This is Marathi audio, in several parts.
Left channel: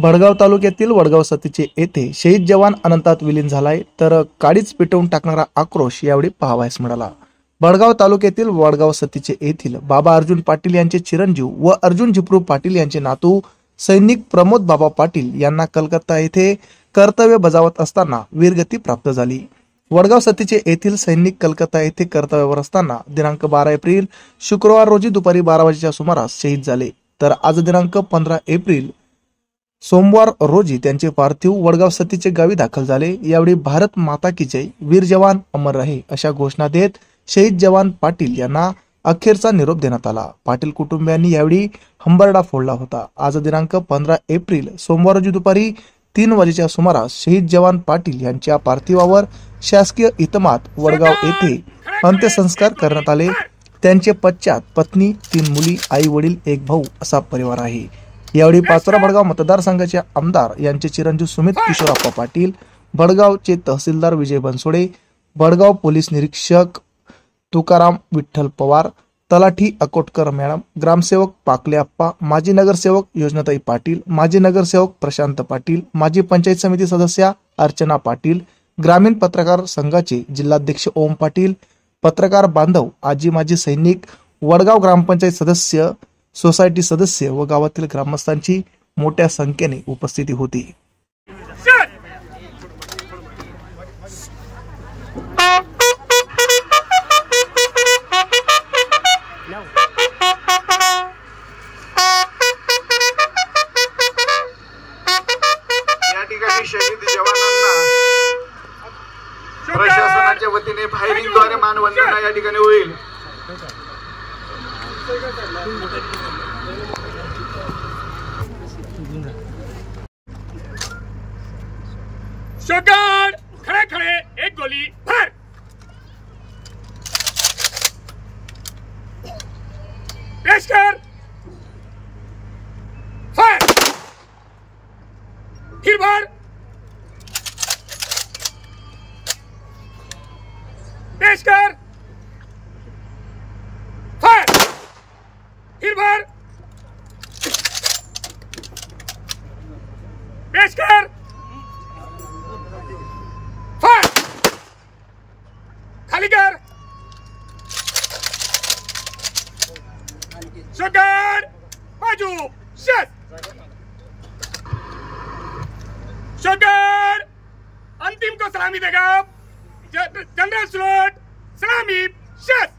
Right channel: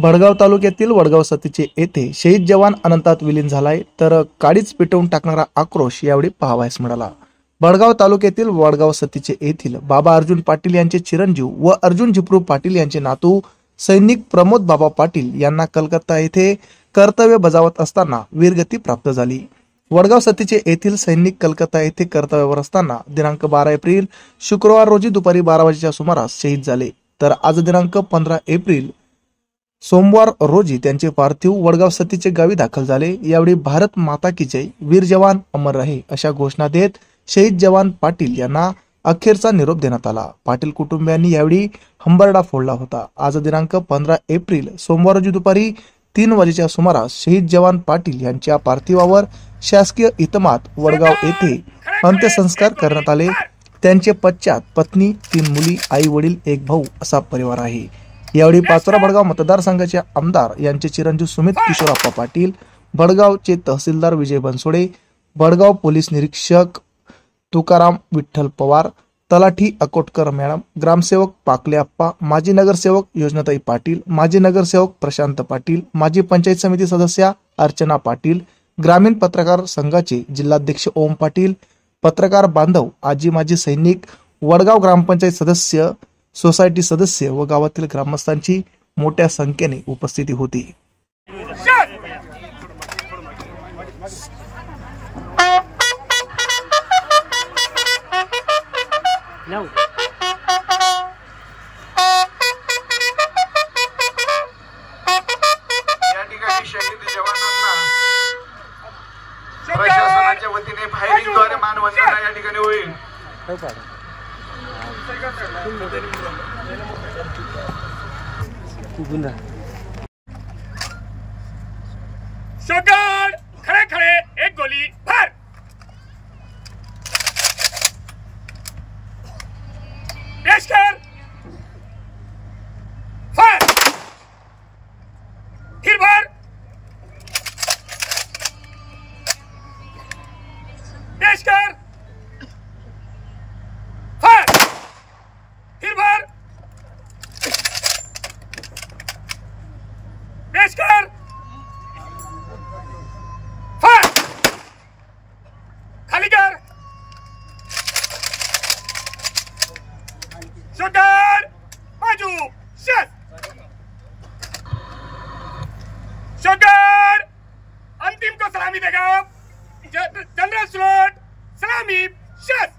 भडगाव तालुक्यातील वडगाव सतीचे येथे शहीद जवान अनंतात विलीन झालाय, तर काडीच पेटवून टाकणारा आक्रोश यावेळी पाहावयास मिळाला। भडगाव तालुक्यातील वडगाव सतीचे येथील बाबा अर्जुन पाटील यांचे चिरंजीव व अर्जुन झिपरू पाटील यांचे नातू सैनिक प्रमोद बाबा पाटील यांना कलकत्ता येथे कर्तव्य बजावत असताना वीरगती प्राप्त झाली। वडगाव सतीचे येथील सैनिक कलकत्ता येथे कर्तव्यावर असताना दिनांक 12 एप्रिल शुक्रवार रोजी दुपारी 12 वाजेच्या सुमारास शहीद झाले, तर आज दिनांक 15 एप्रिल सोमवार रोजी त्यांचे पार्थिव वडगाव सतीचे गावी दाखल झाले। यावेळी भारत माता की जय, वीर जवान अमर रहे अशा घोषणा देत शहीद जवान पाटील यांना अखेरचा निरोप देण्यात आला। पाटील कुटुंबियांनी यावेळी हंबरडा फोडला होता। आज दिनांक 15 एप्रिल सोमवार रोजी दुपारी 3 वाजेच्या सुमारास शहीद जवान पाटील यांच्या पार्थिवावर शासकीय इतमात वडगाव येथे अंत्यसंस्कार करण्यात आले। त्यांचे पश्चात पत्नी, 3 मुली, आई वडील, 1 भाऊ असा परिवार आहे। यावेळी पाचोरा भडगाव मतदारसंघाचे आमदार यांचे चिरंजीव सुमित किशोरप्पा पाटील, भडगावचे तहसीलदार विजय बनसोडे, भडगाव पोलीस निरीक्षक तुकाराम विठ्ठल पवार, तलाठी अकोटकर मॅडम, ग्रामसेवक पाकले अप्पा, माजी नगरसेवक योजनाताई पाटील, माजी नगरसेवक प्रशांत पाटील, माजी पंचायत समिती सदस्या अर्चना पाटील, ग्रामीण पत्रकार संघाचे जिल्हाध्यक्ष ओम पाटील, पत्रकार बांधव, आजी माजी सैनिक, वडगाव ग्रामपंचायत सदस्य, सोसायटी सदस्य व गावातील ग्रामस्थांची मोठ्या संख्येने उपस्थिती होती। या ठिकाणी शहीद जवानांना प्रशासनाच्या वतीने फायरिंगद्वारे मानवंदना या ठिकाणी होईल। शॉटगन, खड़े खड़े, एक गोली भर। पेश कर, फायर, फिर भर, पेश कर, फायर, फिर भर, पेश कर, फायर, खाली कर, शॉटगन, बाजू, शट, शॉटगन, अंतिम को सलामी देगा, जनरल स्लॉट, सलामी, शट।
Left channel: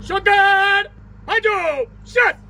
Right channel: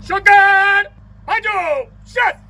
Shotgun! Bajo! Shot!